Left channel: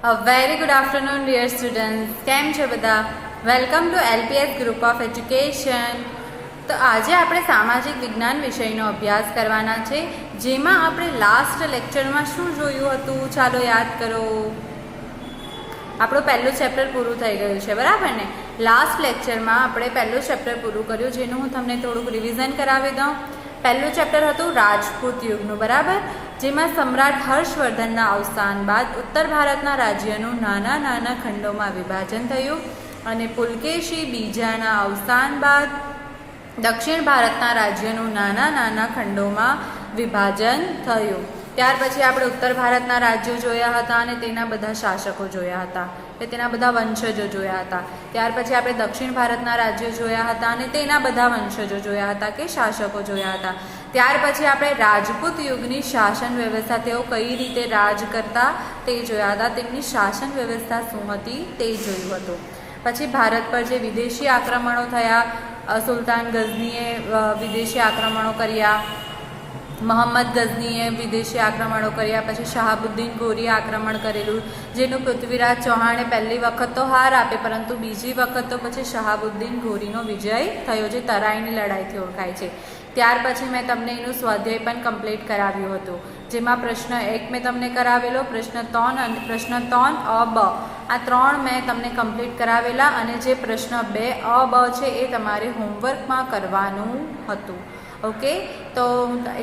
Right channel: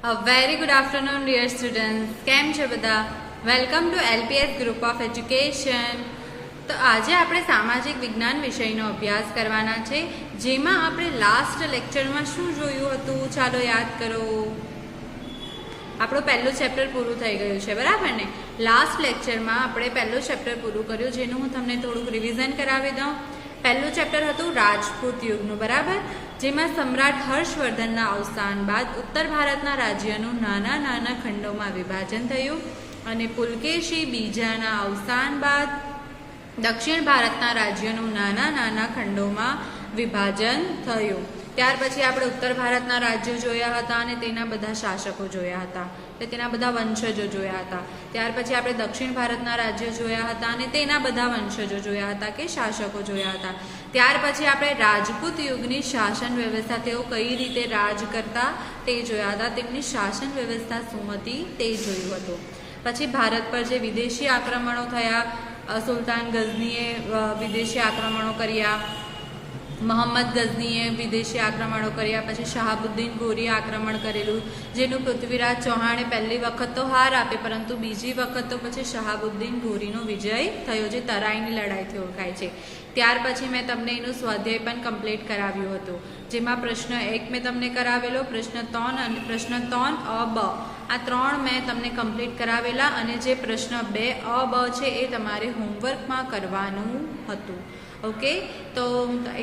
A very good afternoon, dear students. કેમ છો બધા? Welcome to LPS group of education. તો આજે આપણે સામાજિક વિજ્ઞાન વિષયનો અભ્યાસ કરવાના છે, જેમાં આપણે લાસ્ટ લેક્ચરમાં શું જોયું હતું? ચાલો યાદ કરો. આપણું પહેલું ચેપ્ટર પૂરું થઈ ગયું છે, બરાબર ને? લાસ્ટ લેક્ચરમાં આપણે પહેલું ચેપ્ટર પૂરું કર્યું, જેનું હું તમને થોડુંક રિવિઝન કરાવી દઉં. પહેલું ચેપ્ટર હતું રાજપૂત યુગનું, બરાબર, જેમાં સમ્રાટ હર્ષવર્ધનના અવસાન બાદ ઉત્તર ભારતના રાજ્યનું નાના નાના ખંડોમાં વિભાજન થયું અને પુલકેશી બીજાના અવસાન બાદ દક્ષિણ ભારતના રાજ્યનું નાના નાના ખંડોમાં વિભાજન થયું. ત્યાર પછી આપણે ઉત્તર ભારતના રાજ્યો જોયા હતા અને તેના બધા શાસકો જોયા હતા, કે તેના બધા વંશજો જોયા હતા. ત્યાર પછી આપણે દક્ષિણ ભારતના રાજ્યો જોયા હતા અને તેના બધા વંશજો જોયા હતા, કે શાસકો જોયા હતા. ત્યાર પછી આપણે રાજપૂત યુગની શાસન વ્યવસ્થા, તેઓ કઈ રીતે રાજ કરતા તે જોયા હતા, તેમની શાસન વ્યવસ્થા શું હતી તે જોયું હતું. પછી ભારત પર જે વિદેશી આક્રમણો થયા, સુલતાન ગઝનીએ વિદેશી આક્રમણો કર્યા, મોહમ્મદ ગઝનીએ વિદેશી આક્રમણો કર્યા, પછી શહાબુદ્દીન ગોરીએ આક્રમણ કરેલું, જેનું પૃથ્વીરાજ ચૌહાણે પહેલી વખત તો હાર આપી, પરંતુ બીજી વખત તો પછી શહાબુદ્દીન ગોરીનો વિજય થયો, જે તરાઈની લડાઈથી ઓળખાય છે. ત્યાર પછી મેં તમને એનું સ્વાધ્યાય પણ કમ્પ્લીટ કરાવ્યું હતું, જેમાં પ્રશ્ન 1 મેં તમને કરાવેલો, પ્રશ્ન 3 અને પ્રશ્ન 3 અ બ, આ 3 મેં તમને કમ્પ્લીટ કરાવેલા, અને જે પ્રશ્ન 2 અ બ છે એ તમારે હોમવર્કમાં કરવાનું હતું. ઓકે, તો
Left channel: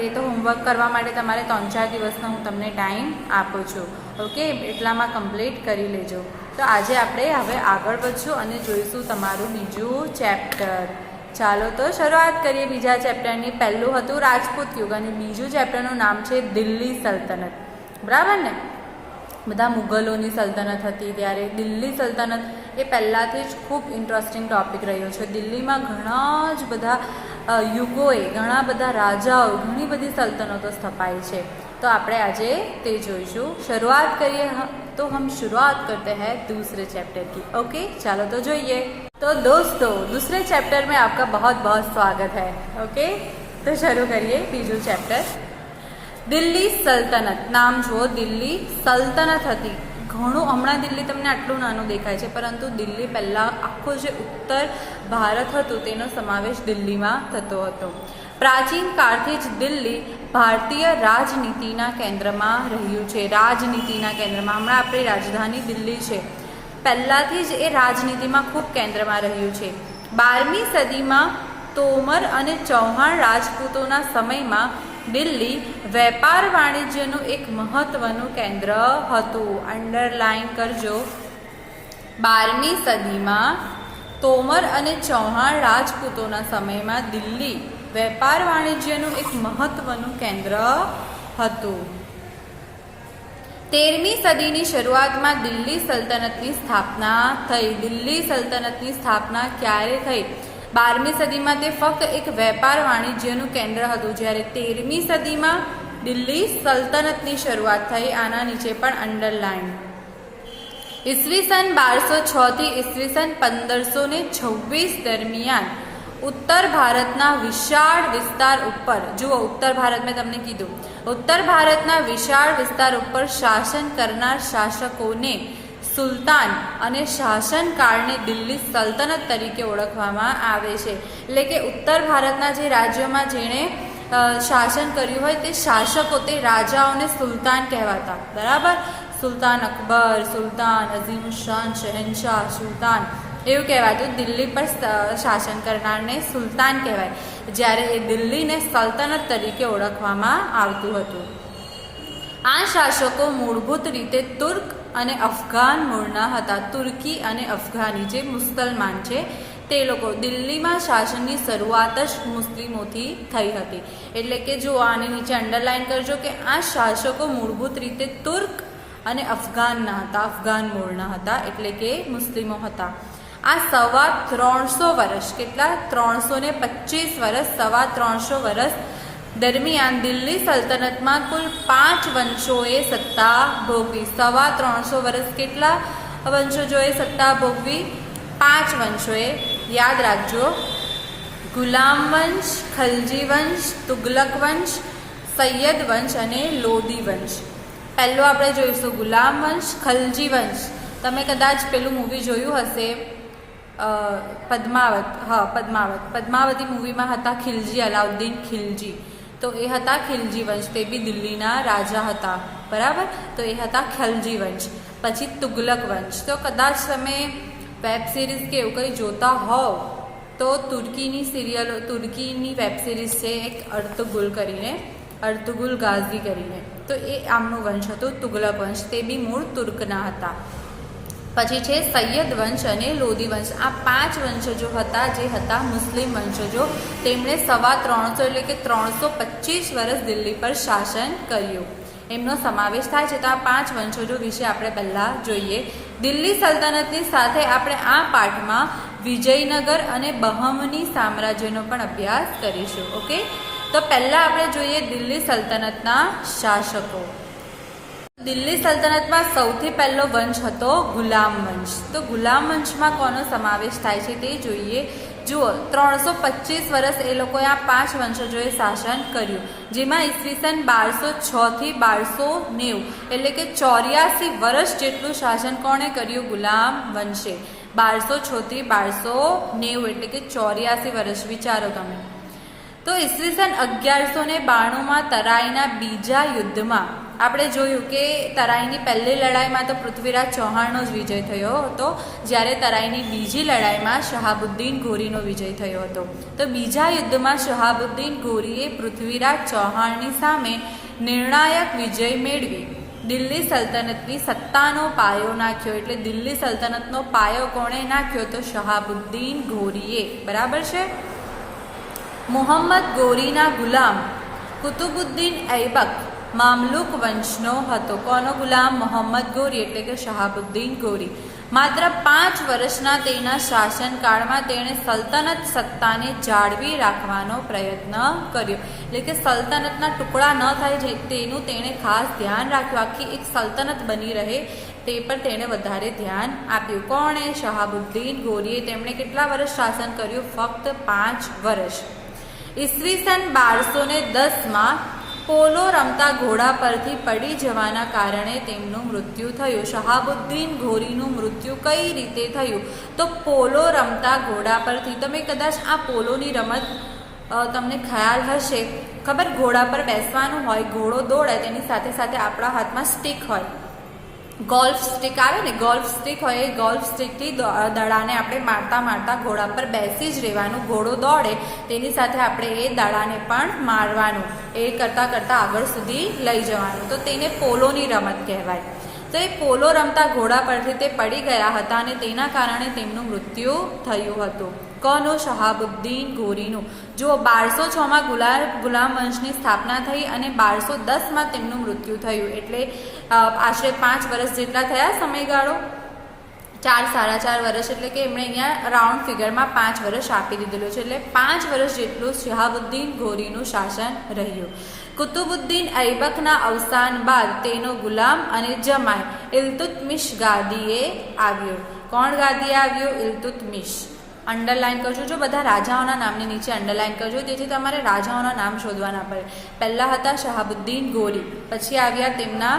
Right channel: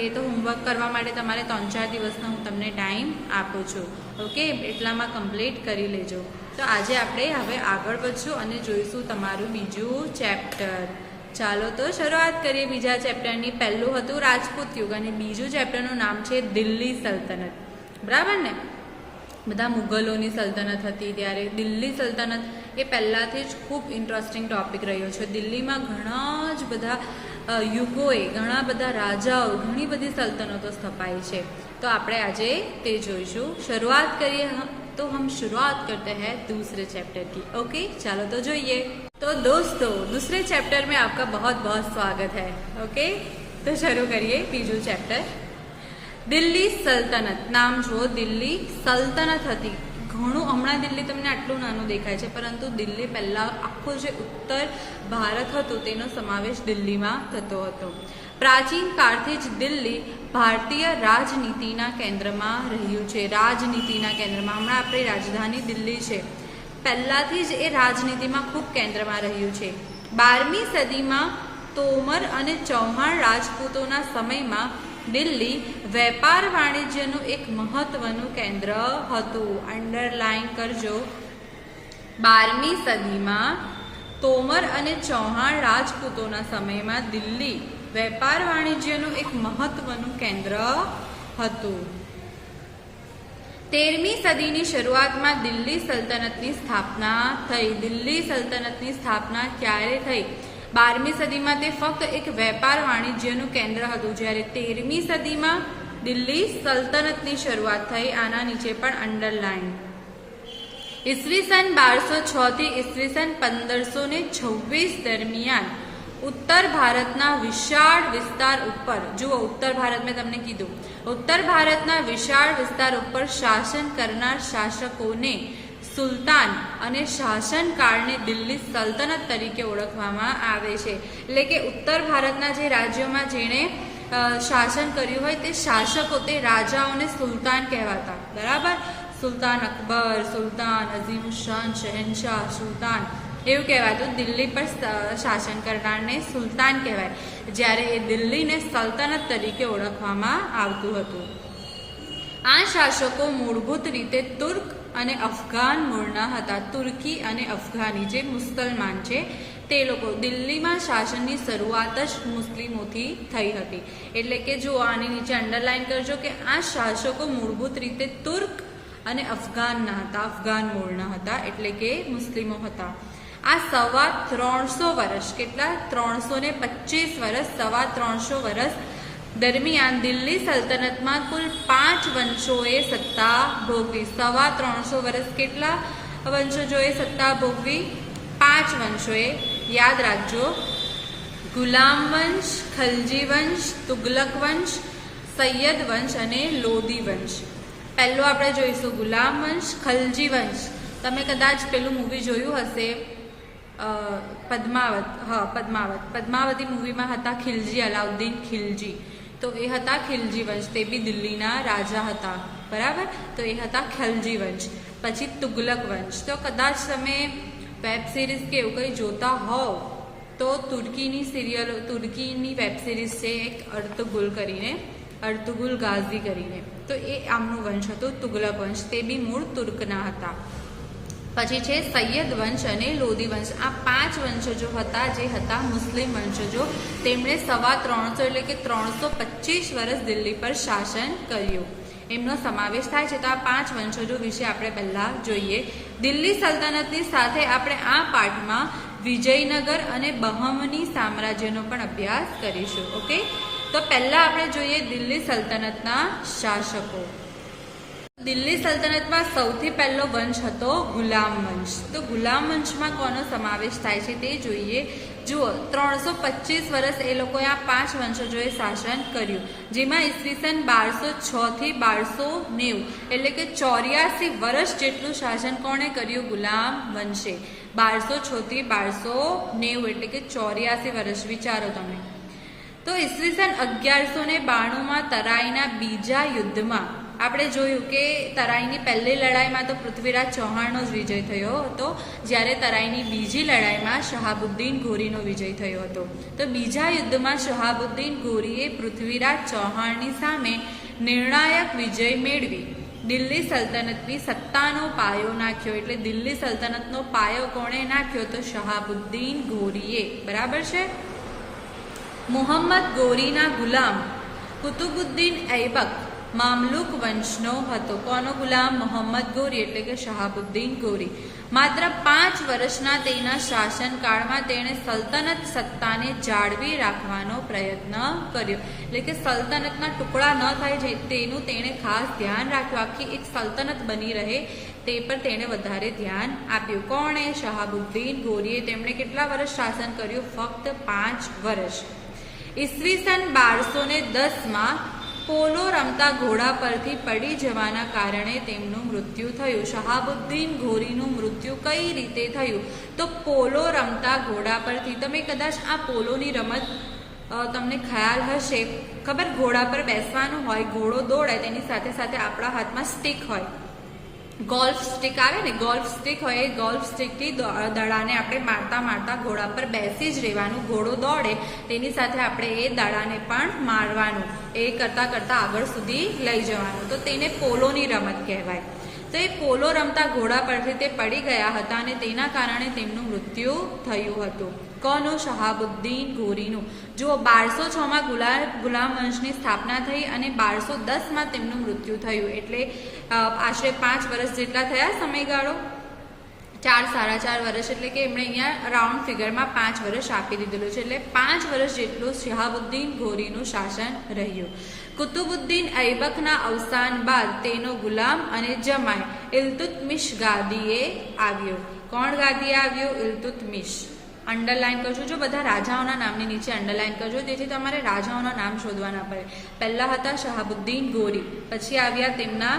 એ તો હોમવર્ક કરવા માટે તમારે 3-4 દિવસનો હું તમને ટાઈમ આપું છું. ઓકે, એટલામાં કમ્પ્લીટ કરી લેજો. તો આજે આપણે હવે આગળ વધશું અને જોઈશું તમારું બીજું ચેપ્ટર. ચાલો તો શરૂઆત કરીએ બીજા ચેપ્ટરની. પહેલું હતું રાજપૂત યુગ અને બીજું ચેપ્ટરનું નામ છે દિલ્હી સલ્તનત, બરાબર ને? બધા મુગલોની સલ્તનત હતી ત્યારે દિલ્હી સલ્તનત એ પહેલાંથી જ ખૂબ ઇન્ટરેસ્ટિંગ ટોપિક રહ્યો છે. દિલ્હીમાં ઘણા જ બધા યુગોએ, ઘણા બધા રાજાઓ, ઘણી બધી સલ્તનતો સ્થપાઈ છે. તો આપણે આજે તે જોઈશું. શરૂઆત કરીએ તો હમ शुरुआत करते हैं दूसरे चैप्टर की. ओके, चलो तो જોઈએ. तो दोस्तों, दूसरे चैप्टर में आपका बहुत बहुत स्वागत है. ओके, तो शुरू करिए બીજું ચેપ્ટર. દિલ્હી સલ્તનત. નામ જુઓ, દિલ્હી સલ્તનત હતી. ઘણું, હમણાં દિલ્હી તમને આટલું નાનું દેખાય છે, પરંતુ દિલ્હી પહેલાં આખું જે ઉત્તર ભારત હતું તેનો સમાવેશ દિલ્હીમાં થતો હતો. પ્રાચીન કાળથી જ દિલ્હી ભારતીય રાજનીતિના કેન્દ્રમાં રહ્યું છે. રાજનીતિના કેન્દ્રમાં, હમણાં આપણી રાજધાની દિલ્હી છે, પહેલાંથી જ એ રાજનીતિમાં ખૂબ કેન્દ્રમાં રહ્યું છે. 12મી સદીમાં તોમર અને ચૌહાણ રાજપૂતોના સમયમાં દિલ્હી વેપાર વાણિજ્યનું એક મહત્વનું કેન્દ્ર હતું. અંડરલાઈન કરજો. 12મી સદીમાં તોમર અને ચૌહાણ રાજપૂતોના સમયમાં દિલ્હી વેપાર વાણિજ્યનું એક મહત્વનું કેન્દ્ર હતું. 13મી સદીની શરૂઆતમાં દિલ્હી સલ્તનતની સ્થાપના થઈ. દિલ્હી સલ્તનતની સ્થાપના ક્યારે થઈ? 12મી સદીમાં તે ફક્ત એક વેપાર વાણિજ્યનું કેન્દ્ર હતું, જ્યારે 13મી સદીમાં દિલ્હી સલ્તનતની શરૂઆત થઈ. આના નીચે પણ અંડરલાઈન. ઈસવીસન 1206 થી ઈસવીસન 1526 દરમિયાન ઉત્તર ભારતના વિશાળ વિસ્તાર ઉપર, જુઓ ઉત્તર ભારત મેં તમને કીધું, ઉત્તર ભારતના વિશાળ વિસ્તાર ઉપર શાસન કરનાર શાસકોને સુલતાન અને શાસનકાળને દિલ્હી સલ્તનત તરીકે ઓળખવામાં આવે છે. એટલે કે ઉત્તર ભારતના જે રાજ્યોમાં જેણે શાસન કર્યું હોય તે શાસકો, તે રાજાઓને સુલતાન કહેવાતા, બરાબર? સુલતાન અકબર, સુલતાન અઝીમુશાન, શહેનશાહ, સુલતાન, એવું કહેવાતું. દિલ્હી પર શાસન કરનારને સુલતાન કહેવાય, જ્યારે એ દિલ્હીને સલ્તનત તરીકે ઓળખવામાં આવતું હતું. આ શાસકો મૂળભૂત રીતે તુર્ક અને અફઘાન મૂળના હતા. તુર્કી અને અફઘાની, જે મુસલમાન છે તે લોકો. દિલ્હીમાં શાસનની શરૂઆત જ મુસ્લિમોથી થઈ હતી. એટલે કે જો આની નીચે અંડરલાઈન કરજો કે આ શાસકો મૂળભૂત રીતે તુર્ક અને અફઘાનના હતા, અફઘાન મૂળના હતા, એટલે કે મુસ્લિમો હતા. આ 350 વર્ષ, કેટલા? 325 વર્ષ, 350 વર્ષ દરમિયાન દિલ્હી સલ્તનતમાં કુલ 5 વંશોએ સત્તા ભોગવી. 350 વર્ષ કેટલા વંશજોએ સત્તા ભોગવી? 5 વંશોએ. યાદ રાખજો, ગુલામ વંશ, ખલજી વંશ, તુગલક વંશ, સૈયદ વંશ અને લોદી વંશ. પહેલો આપણે જોઈશું ગુલામ વંશ, ખલજી વંશ. તમે કદાચ પેલું મૂવી જોયું હશે પદ્માવત. હા, પદ્માવતી મૂવીમાં હતા ખિલજી, અલાઉદ્દીન ખિલજી. તો એ હતા ખિલજી વંશ, તે બી દિલ્હીના રાજા હતા, બરાબર. તો એ હતા ખલજી વંશ. પછી તુગલક વંશ. તો કદાચ તમે વેબ સિરીઝ કે એવું કંઈ જોતા હોવ તો તુર્કીની વેબ સિરીઝ છે એક અર્તુગુલ ગાઝી કરીને. તો એ આમનું વંશ હતું તુગલક વંશ, તે બી મૂળ તુર્કના હતા. પછી છે સૈયદ વંશ અને લોધી વંશ. આ 5 વંશજો હતા જે હતા મુસ્લિમ વંશજો. તેમણે 350 એટલે કે 325 વર્ષ દિલ્હી પર શાસન કર્યું. એમનો સમાવેશ થાય છે. તો આ 5 વંશજો વિશે આપણે પહેલા જોઈએ. દિલ્હી સલ્તનતની સાથે આપણે આ પાઠમાં વિજયનગર અને બહમની સામ્રાજ્યનો પણ અભ્યાસ કરીશું. ઓકે, તો પહેલા આપણે જોઈએ દિલ્હી સલ્તનતના શાસકો. દિલ્હી સલ્તનતમાં સૌથી પહેલો વંશ હતો ગુલામ વંશ. તો ગુલામ વંશમાં કોનો સમાવેશ થાય છે તે જોઈએ. જુઓ, 325 વર્ષ એ લોકોએ આ 5 વંશજોએ શાસન કર્યું, જેમાં ઈસવીસન 1206 થી 1290 એટલે કે 84 વર્ષ જેટલું શાસન કોણે કર્યું? ગુલામ વંશે. 1206 થી 1290 એટલે કે 84 વર્ષ. વિચારો તમે. તો ઈસવીસન 1192માં તરાઈના બીજા યુદ્ધમાં આપણે જોયું કે તરાઈની પહેલી લડાઈમાં તો પૃથ્વીરાજ ચૌહાણનો જ વિજય થયો હતો, જ્યારે તરાઈની બીજી લડાઈમાં શહાબુદ્દીન ઘોરીનો વિજય થયો હતો. તો બીજા યુદ્ધમાં શહાબુદ્દીન ઘોરીએ પૃથ્વીરાજ ચૌહાણની સામે નિર્ણાયક વિજય મેળવી દિલ્હી સલ્તનતની સત્તાનો પાયો નાખ્યો. એટલે દિલ્હી સલ્તનતનો પાયો કોણે નાખ્યો? તો શહાબુદ્દીન ઘોરીએ. બરાબર છે. મુહમ્મદ ગોરીના ગુલામ કુતુબુદ્દીન ઐબક મામલુક વંશનો હતો. કોનો ગુલામ? મોહમ્મદ ગોરી એટલે કે શહાબુદ્દીન ગોરી. માત્ર 5 વર્ષના તેના શાસનકાળમાં તેણે સલ્તનત સત્તાને જાળવી રાખવાનો પ્રયત્ન કર્યો. એટલે કે સલ્તનતના ટુકડા ન થાય તેનું તેણે ખાસ ધ્યાન રાખ્યું. આખી એક સલ્તનત બની રહે તે પર તેણે વધારે ધ્યાન આપ્યું. કોણે? શહાબુદ્દીન ગોરીએ. તેમણે કેટલા વર્ષ શાસન કર્યું? ફક્ત 5 વર્ષ. ઈસવીસન 1210માં પોલો રમતા ઘોડા પરથી પડી જવાના કારણે તેમનું મૃત્યુ થયું. શહાબુદ્દીન ઘોરીનું મૃત્યુ કઈ રીતે થયું? તો પોલો રમતા ઘોડા પરથી. તમે કદાચ આ પોલોની રમત તમને ખ્યાલ હશે, ખબર? ઘોડા પર બેસવાનું હોય, ઘોડો દોડે, તેની સાથે સાથે આપણા હાથમાં સ્ટીક હોય, ગોલ્ફ સ્ટીક આવે ને, ગોલ્ફ સ્ટીક હોય. એ ગોલ્ફ સ્ટીકથી દડાને આપણે મારતા ઘોડા પર બેસી જ રહેવાનું. ઘોડો દોડે તેની સાથે આપણે એ દડાને પણ મારવાનું, એ કરતાં આગળ સુધી લઈ જવાનું. તો તેને પોલોની રમત કહેવાય. તો એ પોલો રમતા ઘોડા પરથી તે પડી ગયા હતા અને તેના કારણે તેમનું મૃત્યુ થયું હતું. કોનું? શહાબુદ્દીન ઘોરીનું. જો 1206માં ગુલામ વંશની સ્થાપના થઈ અને 1210માં તેમનું મૃત્યુ થયું. એટલે આશરે 5 વર્ષ જેટલા થયા સમયગાળો. 4-4.5 વર્ષ. એટલે કે એમણે અહીંયા રાઉન્ડ ફિગરમાં 5 વર્ષ આપી દીધેલું છે. એટલે 5 વર્ષ જેટલું શહાબુદ્દીન ઘોરીનું શાસન રહ્યું. કુતુબુદ્દીન ઐબકના અવસાન બાદ તેનો ગુલામ અને જમાઈ ઇલ્તુત્મિશ ગાદીએ આવ્યો. કોણ ગાદીએ આવ્યો? ઇલ્તુત્મિશ. અંડરલાઈન કરજો. જો બધા રાજાઓના નામની નીચે અંડરલાઈન કરજો, જેથી તમારે રાજાઓના નામ શોધવાના પડે. પહેલા હતા શહાબુદ્દીન ઘોરી, પછી આવ્યા તેમના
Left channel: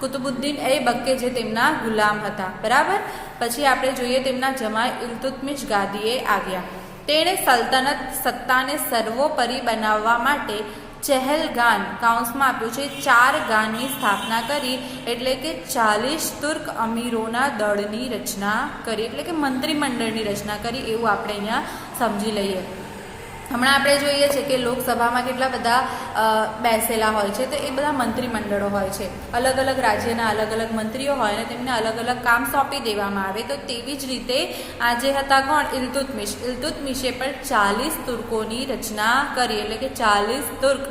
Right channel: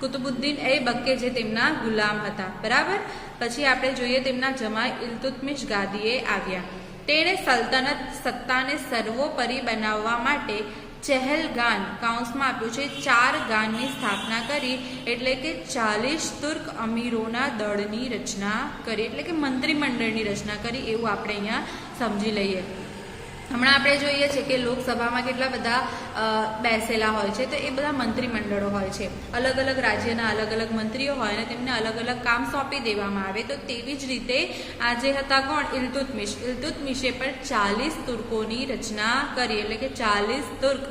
કુતુબુદ્દીન ઐબક કે જે તેમના ગુલામ હતા. બરાબર. પછી આપણે જોઈએ તેમના જમાઈ ઇલ્તુત્મિશ ગાદીએ આવ્યા. તેણે સલ્તનત સત્તાને સર્વોપરી બનાવવા માટે ચહેલગાન કાઉન્સમાં આપ્યું છે 4 ગાનની સ્થાપના કરી. એટલે કે 40 તુર્ક અમીરોના દળની રચના કરી, એટલે કે મંત્રીમંડળની રચના કરી, એવું આપણે અહીંયા સમજી લઈએ. હમણાં આપણે જોઈએ છીએ કે લોકસભામાં કેટલા બધા બેસેલા હોય છે. તો એ બધા મંત્રીમંડળો હોય છે. અલગ અલગ રાજ્યના અલગ અલગ મંત્રીઓ હોય અને તેમને અલગ અલગ કામ સોંપી દેવામાં આવે. તો તેવી જ રીતે આજે હતા કોણ? ઇલ્તુત્મિશ. ઇલ્તુત્મિશે પણ 40 તુર્કોની રચના કરી. એટલે કે 40 તુર્ક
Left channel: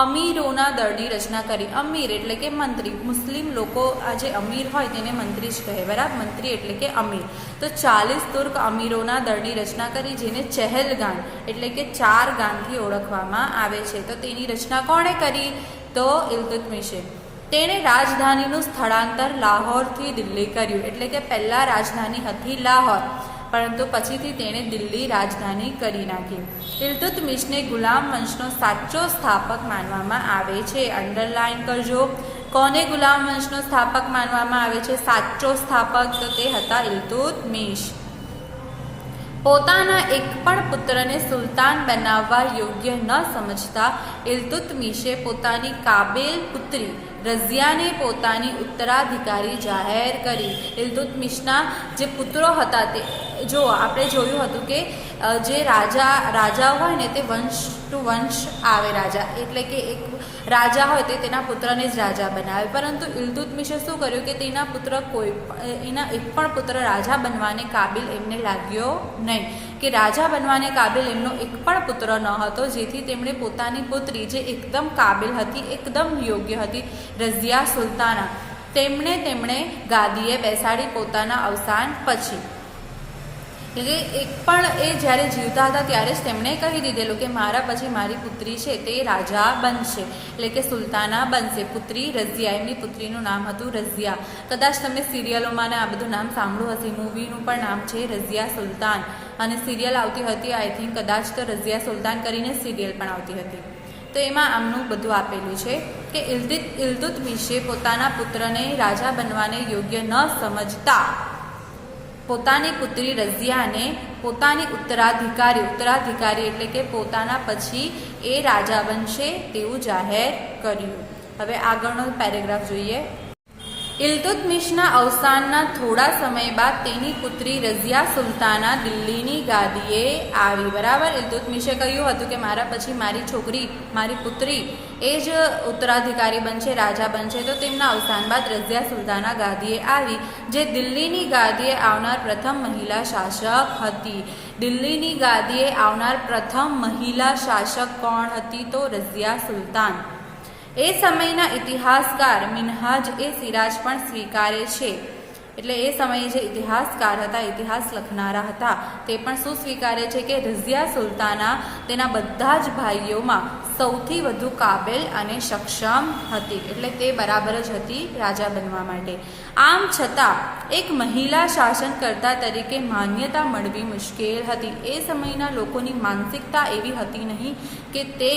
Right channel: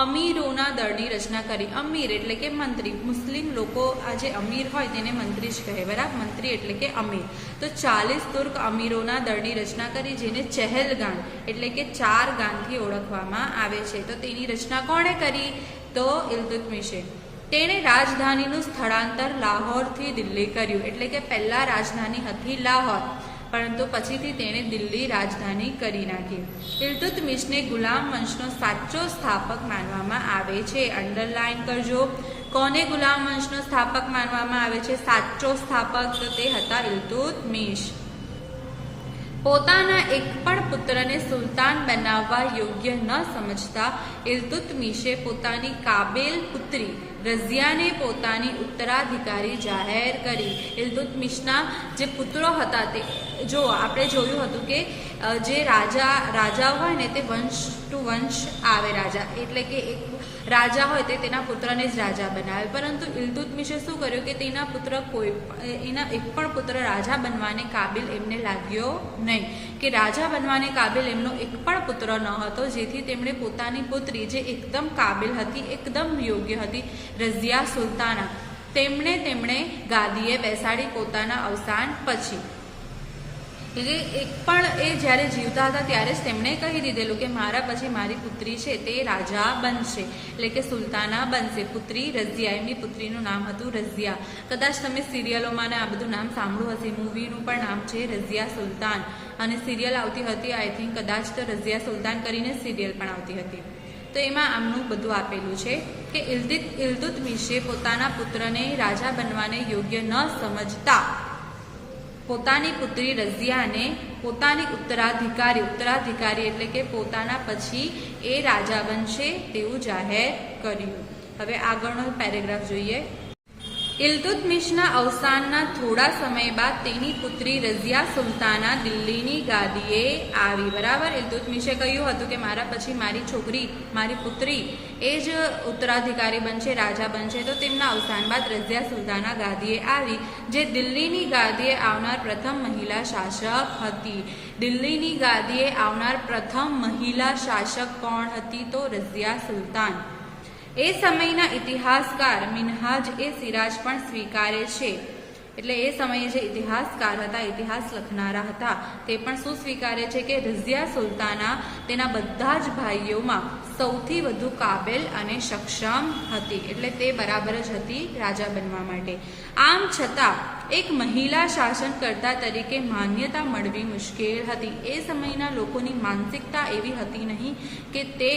અમીરોના દળની રચના કરી. અમીર એટલે કે મંત્રી. મુસ્લિમ લોકો આજે અમીર હોય તેને મંત્રી જ કહે. બરાબર. મંત્રી એટલે કે અમીર. તો 40 તુર્ક અમીરોના દળની રચના કરી, જેને ચહેલગાન એટલે કે 4 ગાનથી ઓળખવામાં આવે છે. તો તેની રચના કોણે કરી? તો ઇલ્તુત્મિશે. તેણે રાજધાનીનું સ્થળાંતર લાહોરથી દિલ્હી કર્યું. એટલે કે પહેલા રાજધાની હતી લાહોર, પરંતુ પછીથી તેણે દિલ્હી રાજધાની કરી નાખી. ઇલ્તુત્મિશને ગુલામ વંશનો સાચો સ્થાપક માનવામાં આવે છે. અંડરલાઈન કરજો. કોને ગુલામ વંશનો સ્થાપક માનવામાં આવે છે? સાચો સ્થાપક તો તે હતા ઇલ્તુત્મિશ. પોતાના એક પણ પુત્રને સુલતાન બનાવવા યોગ્ય ન સમજતા ઇલ્તુત્મિશે પોતાની કાબેલ પુત્રી રઝિયાને પોતાની ઉત્તરાધિકારી જાહેર કરી. ઇલ્તુત્મિશના જે પુત્રો હતા તે જો આપણે જોયું હતું કે જે રાજા હોય ને તે વંશ ટુ વંશ આવે રાજા, એટલે કે એક રાજા હોય તે તેના પુત્રને જ રાજા બનાવે. પરંતુ ઇલ્તુત્મિશે શું કર્યું કે તેના પુત્ર એના એક પણ પુત્ર રાજા બનવાને કાબિલ એમને લાગ્યો નહીં, કે રાજા બનવાને કાબિલ એમનો એક પણ પુત્ર ન હતો, જેથી તેમણે પોતાની પુત્રી જે એકદમ કાબિલ હતી, એકદમ યોગ્ય હતી, રઝિયા સુલતાના, તેમણે ગાદીએ બેસાડી પોતાના અવસાન પછી. એટલે એક પણ એ જ્યારે જીવતા હતા ત્યારે જ તેમણે કહી દીધેલું કે મારા પછી મારી પુત્રી છે તે રાજા બનશે, એટલે કે સુલતાના બનશે. પુત્રી રઝિયા, એમની પુત્રીનું નામ હતું રઝિયા. કદાચ તમે સિરિયલોમાં આ બધું નામ સાંભળ્યું હશે. મૂવીનું પણ નામ છે રઝિયા સુલતાન, અને સિરિયલ આવતી હતી આઈ થિંક કદાચ તો રઝિયા સુલતાન કરીને સિરિયલ પણ આવતી હતી. તો એમાં આમનું બધું આપેલું છે કે ઇલ્તુત્મિશે પોતાના પુત્રને રાજા બનવાને યોગ્ય ન સમજતા પોતાની પુત્રી રઝિયાને પોતાની ઉત્તરાધિકારી એટલે કે પોતાના પછી એ રાજા બનશે તેવું જાહેર કર્યું. હવે આગળનો પેરેગ્રાફ જોઈએ. ઇલ્તુત્મિશના અવસાનના થોડા સમય બાદ તેની પુત્રી રઝિયા સુલતાના દિલ્હીની ગાદીએ આવી. બરાબર, ઇલ્તુત્મિશે કહ્યું હતું કે મારા પછી મારી છોકરી, મારી પુત્રી એ જ ઉત્તરાધિકારી બનશે, રાજા બનશે. તો તેમના અવસાન બાદ રઝિયા સુલતાના ગાદીએ આવી, જે દિલ્હીની ગાદીએ આવનાર પ્રથમ મહિલા શાસક હતી. દિલ્હીની ગાદીએ આવનાર પ્રથમ મહિલા શાસક કોણ હતી? તો રઝિયા સુલતાન. એ સમયના ઇતિહાસકાર મિનહાજ એ સિરાજ પણ સ્વીકારે છે, એટલે એ સમયે જે ઇતિહાસકાર હતા, ઇતિહાસ લખનારા હતા, તે પણ શું સ્વીકારે છે કે રઝિયા સુલતાના તેના બધા જ ભાઈઓમાં સૌથી વધુ કાબેલ અને સક્ષમ હતી, એટલે તે બરાબર જ હતી રાજા બનવા માટે. આમ છતાં એક મહિલા શાસનકર્તા તરીકે માન્યતા મળવી મુશ્કેલ હતી. એ સમયના લોકોની માનસિકતા એવી હતી નહીં કે તે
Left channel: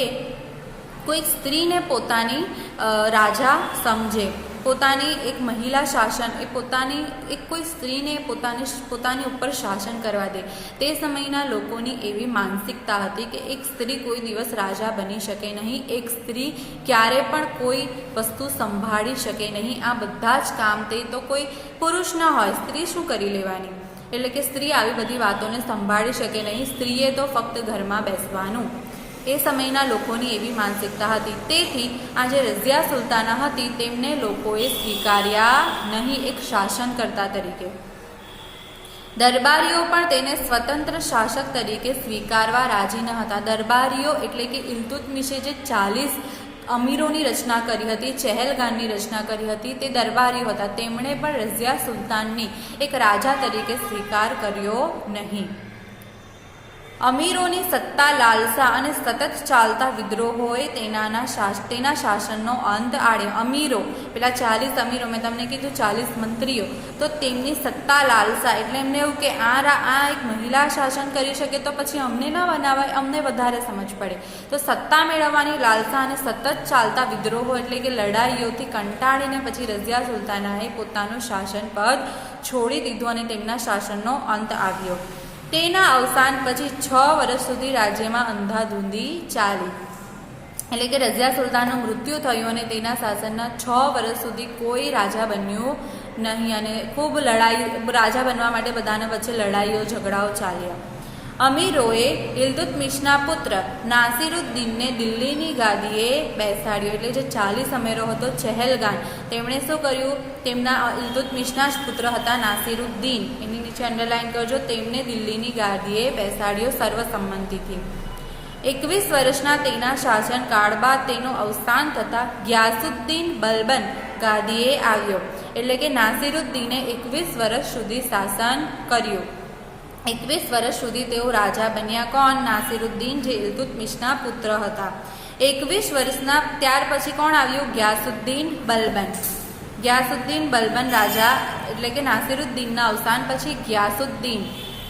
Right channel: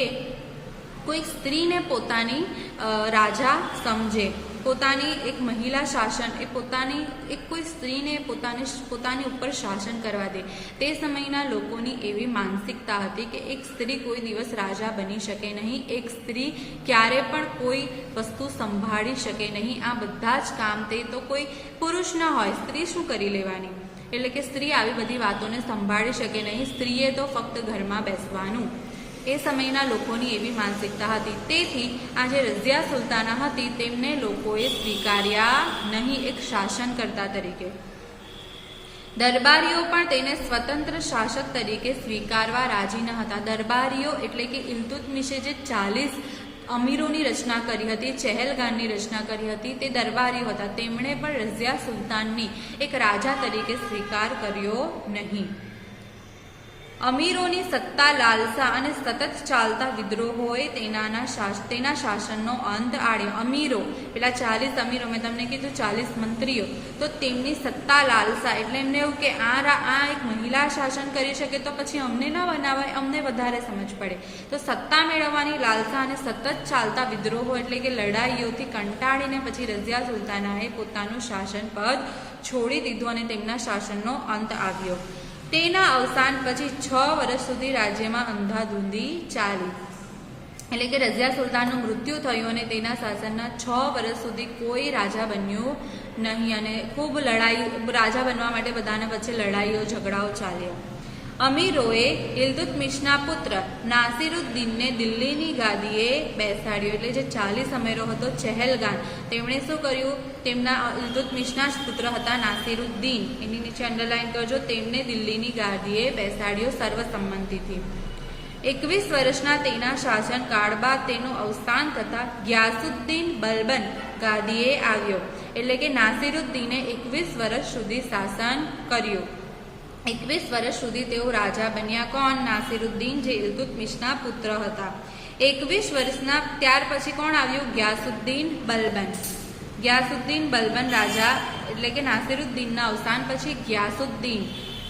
કોઈ સ્ત્રીને પોતાની રાજા સમજે, પોતાની એક મહિલા શાસન એ પોતાની એક કોઈ સ્ત્રીને પોતાની ઉપર શાસન કરવા દે. તે સમયના લોકોની એવી માનસિકતા હતી કે એક સ્ત્રી કોઈ દિવસ રાજા બની શકે નહીં, એક સ્ત્રી ક્યારે પણ કોઈ વસ્તુ સંભાળી શકે નહીં. આ બધા જ કામ તે તો કોઈ પુરુષ ન હોય, સ્ત્રી શું કરી લેવાની? એટલે કે સ્ત્રી આવી બધી વાતોને સંભાળી શકે નહીં, સ્ત્રીએ તો ફક્ત ઘરમાં બેસવાનું. એ સમયના લોકોની એવી માનસિકતા હતી. તેથી આ જે રઝિયા સુલતાના હતી તેમને લોકોએ સ્વીકાર્યા નહીં એક શાસનકર્તા તરીકે. દરબારીઓ પણ તેને સ્વતંત્ર શાસક તરીકે સ્વીકારવા રાજી ન હતા. દરબારીઓ એટલે કે ઇલ્તુત્મિશે જે 40 અમીરોની રચના કરી હતી, ચહેલગાનની રચના કરી હતી, તે દરબારીઓ હતા. તેમણે પણ રઝિયા સુલતાનની એક રાજા તરીકે સ્વીકાર કર્યો નહીં. અમીરોની સત્તા લાલસા અને સતત ચાલતા વિદ્રોહોએ તેના શાસનનો અંત આણ્યો. અમીરો, પેલા 40 અમીરો, મેં તમને કીધું 40 મંત્રીઓ, તો તેમની સત્તા લાલસા એટલે એમને એવું કે આ એક મહિલા શાસન કરી શકે તો પછી અમને ન બનાવાય, અમને વધારે સમજ પડે. તો સત્તા મેળવવાની લાલસા અને સતત ચાલતા વિદ્રોહો એટલે કે લડાઈઓથી કંટાળીને પછી રઝિયા સુલતાનાએ પોતાનું શાસન પદ છોડી દીધું અને તેમના શાસનનો અંત આવ્યો. તેના અવસાન પછી 6 વર્ષ સુધી રાજ્યમાં અંધાધૂંધી ચાલી. એટલે કે રઝિયા સુલતાનનું મૃત્યુ થયું અને તેના શાસનના 6 વર્ષ સુધી કોઈ રાજા બન્યું નહીં, અને ખૂબ રાજા બનવા માટે બધાના વચ્ચે લડાઈઓ ઝઘડાઓ ચાલ્યા. અમીરોએ ઇલ્તુત્મિશના પુત્ર નાસિરુદ્દીનને દિલ્હીની ગાદીએ બેસાડ્યો. એટલે જે 40 અમીરો હતો ચહેલગાન, તેમણે શું કર્યું? તેમના ઇલ્તુત્મિશના જ પુત્ર હતા નાસિરુદ્દીન, એની નીચે અંડરલાઈન કરજો, તેમને દિલ્હીની ગાદીએ બેસાડ્યો સર્વસંમતિથી. 21 વર્ષના તેના શાસનકાળ બાદ તેનું અવસાન થતાં ગ્યાસુદ્દીન બલબન ગાદીએ આવ્યો. એટલે કે નાસિરુદ્દીને 21 વર્ષ સુધી શાસન કર્યું. 21 વર્ષ સુધી તેઓ રાજા બન્યા. કોણ? નાસિરુદ્દીન, જે ઇલ્તુત્મિશના પુત્ર હતા. 21 વર્ષના ત્યાર પછી કોણ આવ્યું? ગ્યાસુદ્દીન બલબન. ગ્યાસુદ્દીન બલબન રાજા, એટલે કે નાસિરુદ્દીનના અવસાન પછી ગ્યાસુદ્દીન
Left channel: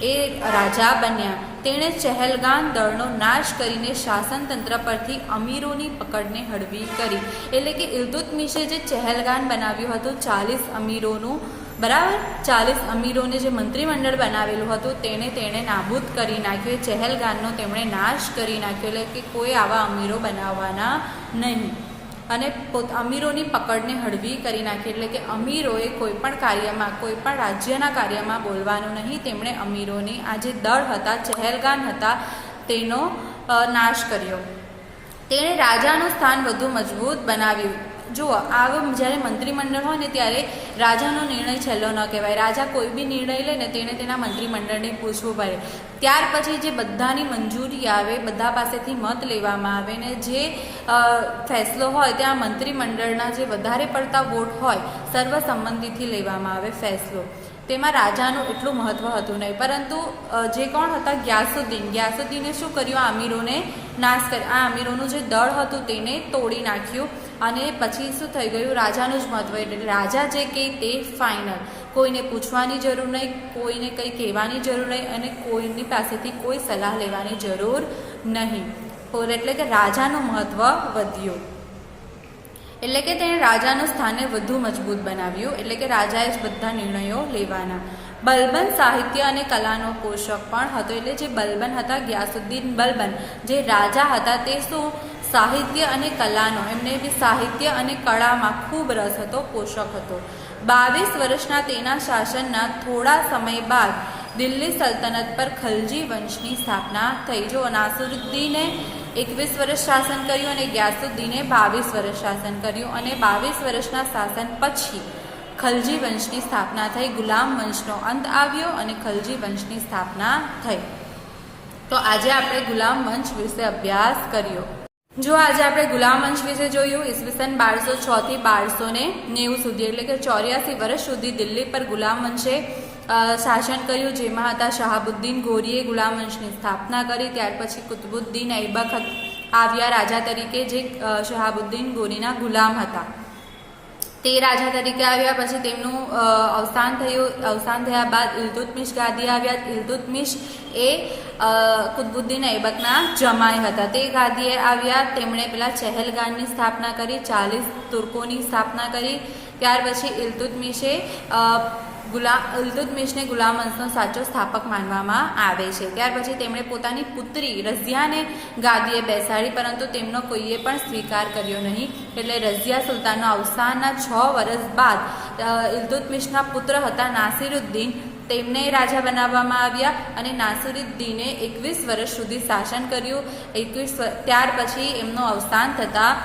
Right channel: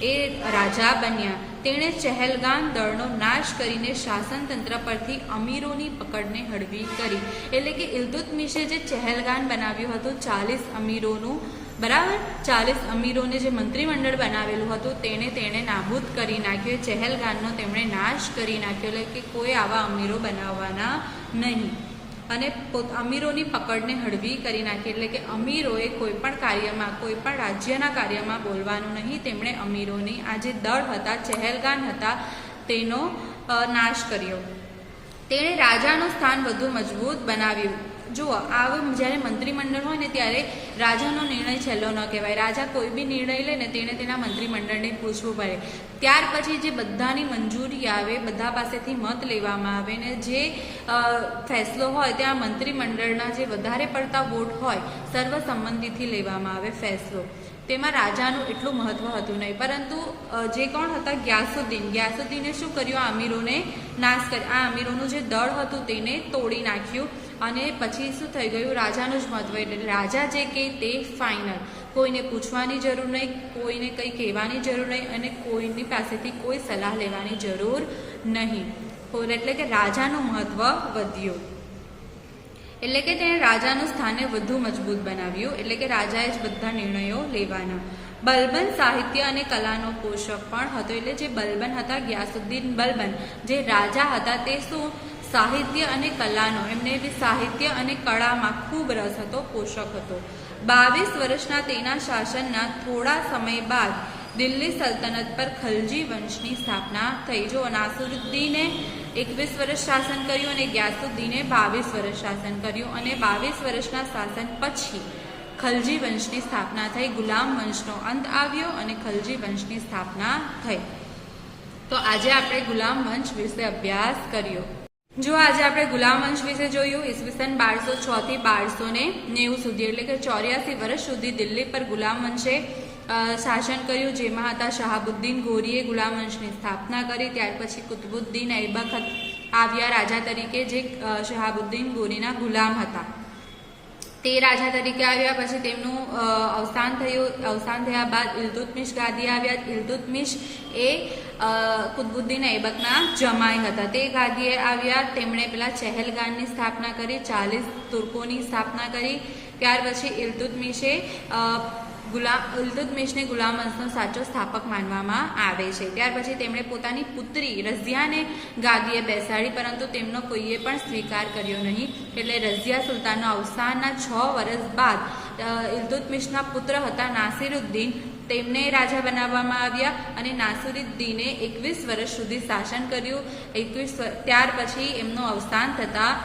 એ રાજા બન્યા. તેણે ચહેલગામ દળનો નાશ કરીને શાસન તંત્ર પરથી અમીરોની પકડને હળવી કરી. એટલે કે ઇલ્તુત્મિશે જે ચહેલગામ બનાવ્યું હતું 40 અમીરોનું, બરાબર, 40 અમીરોને જે મંત્રીમંડળ બનાવેલું હતું તેણે નાબૂદ કરી નાખ્યું. ચહેલગામનો તેમણે નાશ કરી નાખ્યો, એટલે કે કોઈ આવા અમીરો બનાવવાના નહીં. અને અમીરોની પકડને હળવી કરી નાખી, એટલે કે અમીરોએ કોઈ પણ કાર્યમાં, કોઈ પણ રાજ્યના કાર્યમાં બોલવાનું નહીં. તેમણે અમીરોની આ જે દળ હતા, ચહેલગામ હતા, તેનો નાશ કર્યો. તેણે રાજાનું સ્થાન વધુ મજબૂત બનાવ્યું. જુઓ, આવું જ્યારે મંત્રીમંડળ હોય ને ત્યારે રાજાનો નિર્ણય છેલ્લો ન કહેવાય. રાજા કોઈ બી નિર્ણય લે ને તેને તેના મંત્રીમંડળને પૂછવું પડે. ત્યાર પછી જે બધાની મંજૂરી આવે, બધા પાસેથી મત લેવામાં આવે ને જે ફેસલો હોય ત્યાં મંત્રીમંડળના જે વધારે પડતા વોટ હોય સર્વસંમતિથી લેવામાં આવે ફેસલો. તેમાં રાજાનું એટલું મહત્વ હતું નહીં. પરંતુ જે કોણ હતા, ગ્યાસુદ્દીને શું કર્યું? આ અમીરોને નાશ કર્યો. આ અમીરોનું જે દળ હતું તેને તોડી નાખ્યું. અને પછી શું થઈ ગયું? રાજાનું જ મહત્વ. એટલે રાજા જે કહે તે ફાઇનલ. કોઈને પૂછવાની જરૂર નહીં, કોઈને કંઈ કહેવાની જરૂર નહીં, અને કોઈની પાસેથી કોઈ સલાહ લેવાની જરૂર નહીં. એટલે કે રાજાનું મહત્વ વધ્યું. એટલે કે તેણે રાજાનું સ્થાનને વધુ મજબૂત બનાવ્યું. એટલે કે રાજાએ જ બધા નિર્ણયો લેવાના. બલબન સાહિત્ય અને કલાનો પોષક પણ હતો. એટલે જે બલબન હતા, ગ્યાસુદ્દીન બલબન, જે રાજા હતા, તે શું સાહિત્ય અને કલાનો, એમને બી સાહિત્ય અને કળામાં ખૂબ રસ હતો, પોષક હતો. 22 વર્ષના તેના શાસનના થોડા સમય બાદ દિલ્હી સલ્તનત પર ખલજી વંશની સ્થાપના થઈ. જો નાસિરુદ્દીને 21 વર્ષ શાસન કર્યું અને ગ્યાસુદ્દીને 22 વર્ષ શાસન કર્યું. અને 22 વર્ષના શાસન પછી ખલજી વંશની સ્થાપના થઈ. ગુલામ વંશનો અંત આવ્યો અને ખલજી વંશની સ્થાપના થઈ. તો આજે આપણે ગુલામ વંશ વિશે અભ્યાસ કર્યો. જો આજે આપણે ગુલામ વંશ વિશે જોયું, ઈસવીસન 1206 થી 1290 સુધી, એટલે કે 84 વર્ષ સુધી દિલ્હી પર ગુલામ વંશે શાસન કર્યું. જેમાં હતા શહાબુદ્દીન ગોરીએ ગુલામ વંશની સ્થાપના કરી. ત્યાર પછી કુતુબુદ્દીન ઐબક આવ્યા રાજા તરીકે, જે શહાબુદ્દીન ગોરીના ગુલામ હતા. તે રાજા તરીકે આવ્યા. પછી તેમનું અવસાન થયું. અવસાન થયા બાદ ઇલ્તુત્મિશ ગાદી આવ્યા. ઇલ્તુત્મિશ એ કુતુબુદ્દીન ઐબકના જમાઈ હતા. તે ગાદીએ આવ્યા. તેમણે પેલા ચહેલગામની સ્થાપના કરી, 40 તુર્કોની સ્થાપના કરી. ત્યાર પછી ઇલ્તુત્મિશે ઇલ્તુત્મિશને ગુલામ વંશનો સાચો સ્થાપક માનવામાં આવે છે. ત્યાર પછી તેમણે પોતાની પુત્રી રઝિયાને ગાદીએ બેસાડી, પરંતુ તેમનો કોઈએ પણ સ્વીકાર કર્યો નહીં. એટલે રઝિયા સુલતાનના અવસાનના 6 વર્ષ બાદ ઇલ્તુત્મિશના પુત્ર હતા નાસિરુદ્દીન, તેમને રાજા બનાવવામાં આવ્યા. અને નાસિરુદ્દીને 21 વર્ષ સુધી શાસન કર્યું. ત્યાર પછી એમનું અવસાન થતાં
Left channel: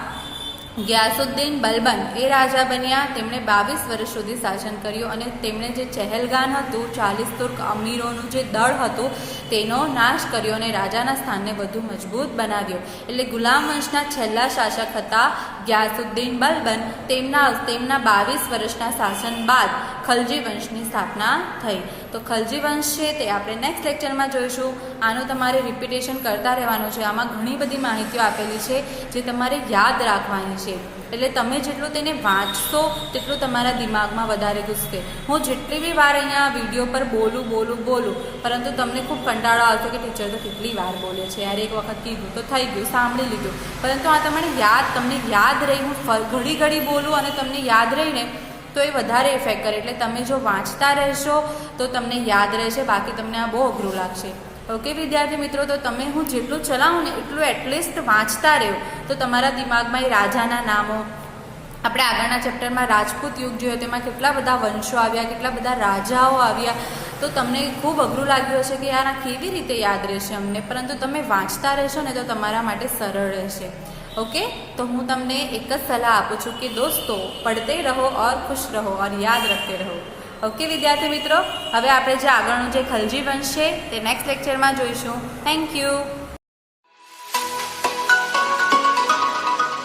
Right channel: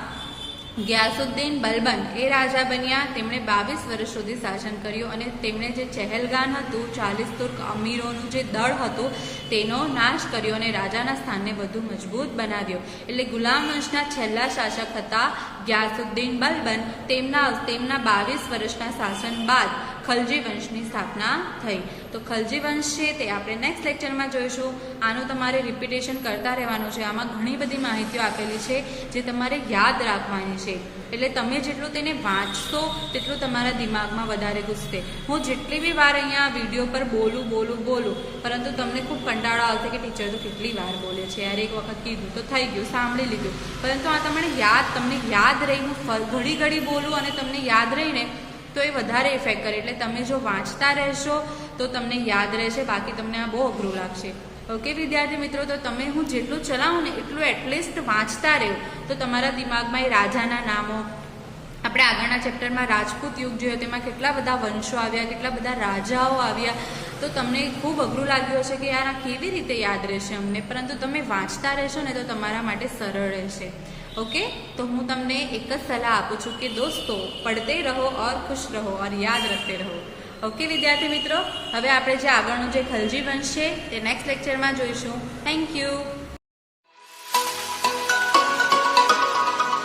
ગ્યાસુદ્દીન બલબન એ રાજા બન્યા. તેમણે 22 વર્ષ સુધી શાસન કર્યું. અને તેમણે જે ચહેલગામ હતું, 40 તુર્ક અમીરોનું જે દળ હતું, તેનો નાશ કર્યો અને રાજાના સ્થાનને વધુ મજબૂત બનાવ્યો. એટલે ગુલામ વંશના છેલ્લા શાસક હતા ગ્યાસુદ્દીન બલબન. તેમના 22 વર્ષના શાસન બાદ ખલજી વંશની સ્થાપના થઈ. તો ખલજી વંશ છે તે આપણે નેક્સ્ટ લેક્ચરમાં જોઈશું. આનું તમારે રિપીટેશન કરતા રહેવાનું છે. આમાં ઘણી બધી માહિતીઓ આપેલી છે જે તમારે યાદ રાખવાની છે. એટલે તમે જેટલું તેને વાંચશો તેટલું તમારા દિમાગમાં વધારે ઘૂસશે. હું જેટલી બી વાર અહીંયા વિડીયો પર બોલું, પરંતુ તમને ખૂબ કંટાળો આવશે કે ટીચર તો કેટલી વાર બોલે છે યાર, એક વખત કીધું તો થઈ ગયું, સાંભળી લીધું. પરંતુ આ તમને યાદ રહી, હું ઘડી બોલું અને તમને યાદ રહીને તો એ વધારે ઇફેક્ટ કરે. એટલે તમે જો વાંચતા રહેશો તો તમને યાદ રહેશે, બાકી તમને આ બહુ અઘરું લાગશે. ઓકે વિદ્યાર્થી મિત્રો, તો તમે હું જેટલું ચલાવું ને એટલું એટલીસ્ટ વાંચતા રહ્યો તો તમારા દિમાગમાં એ રાજાના નામો, આપણે આગળના ચેપ્ટરમાં રાજપૂત યુગ જોયો, તેમાં કેટલા બધા વંશો આવ્યા, કેટલા બધા રાજાઓ આવ્યા. તો તમને ખૂબ અઘરું લાગ્યું હશે કે યાર આ કેવી રીતે યાદ રહેશે અમને, પરંતુ તમે વાંચતા રહેશો ને તો તમારા માટે સરળ રહેશે. ओके, तो હું તમને એક જ સલાહ આપું છું કે દોસ્તો, પડતે રહો और खुश रहो और याद रखते रहो. ओके વિદ્યાર્થી મિત્રો, હવે આપણે જે આગળનું જે ખલજી વંશ છે તે નેક્સ્ટ લેક્ચરમાં જોઈશું. Thank you.